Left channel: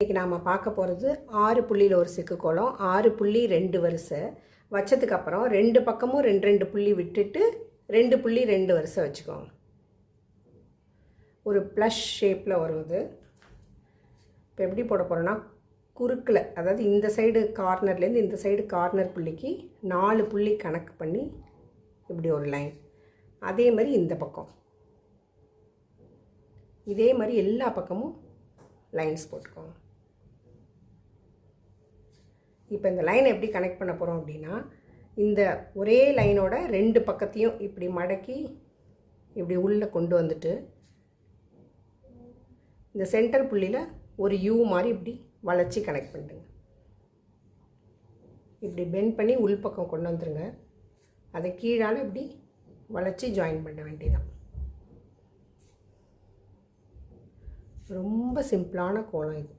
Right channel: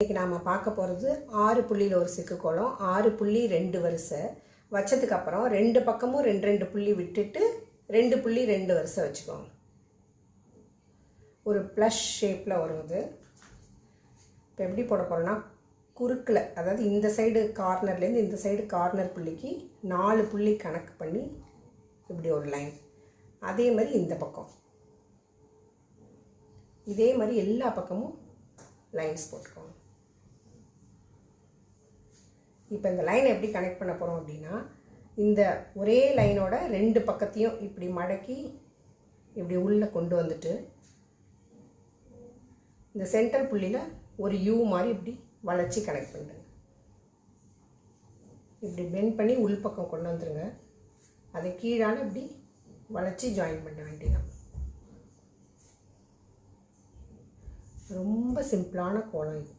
இன்றைக்கி நாம் பார்க்க போகிறது 6 புள்ளியில் ஒரு சிக்கு கோலம், 6 புள்ளி 2 வரிசை வச்சதுக்கப்புறம் 2 பக்கமும் 2 புள்ளி விட்டுட்டு 2 புள்ளி 2 வரிசை வச்சுக்கோங்க. ஒரு ப்ளஷ் ஷேப்பில் வருவது. இப்போ எப்படி போட போகிறோன்னா, குறுக்கில், அதாவது இந்த சைடு கார்னர்லேருந்து இந்த சைடு கார்னர் புள்ளிக்கு 4 புள்ளி கணக்கு பண்ணி இப்படி ஒரு லைன். அதே மாதிரி இந்த பக்கம் இதே மாதிரி எல்லா பக்கமும் லைன்ஸ் போட்டுக்கோங்க. இப்போ இந்த லைனை எப்படி கனெக்ட் பண்ண போகிறோம் அப்படின்னா, இந்த ஒரே லைனோட 2 பக்கத்தையும் இப்படி மடக்கி இப்படி உள்ளே கொண்டு வந்துட்டு இந்த சென்டர் புள்ளியில் ஒரு யூ மாதிரி இப்படி வளைச்சி கனெக்ட் பண்ணிடுங்க. இப்படி பெண்ட் பண்ணி உள்பக்கம் கொண்டு வந்துடுங்க. அதை கீழால் இப்படி வளைச்சி ஜாயின் பண்ண வேண்டியதான். ரொம்ப சிம்பிளான கோலம் இது.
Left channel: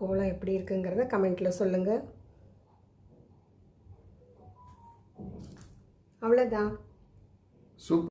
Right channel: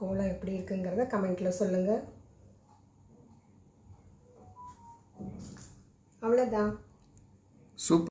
கோலம் எப்படி இருக்குங்கிறத கமெண்ட்டில் சொல்லுங்கள். அவ்வளோதான். சூப்பர்.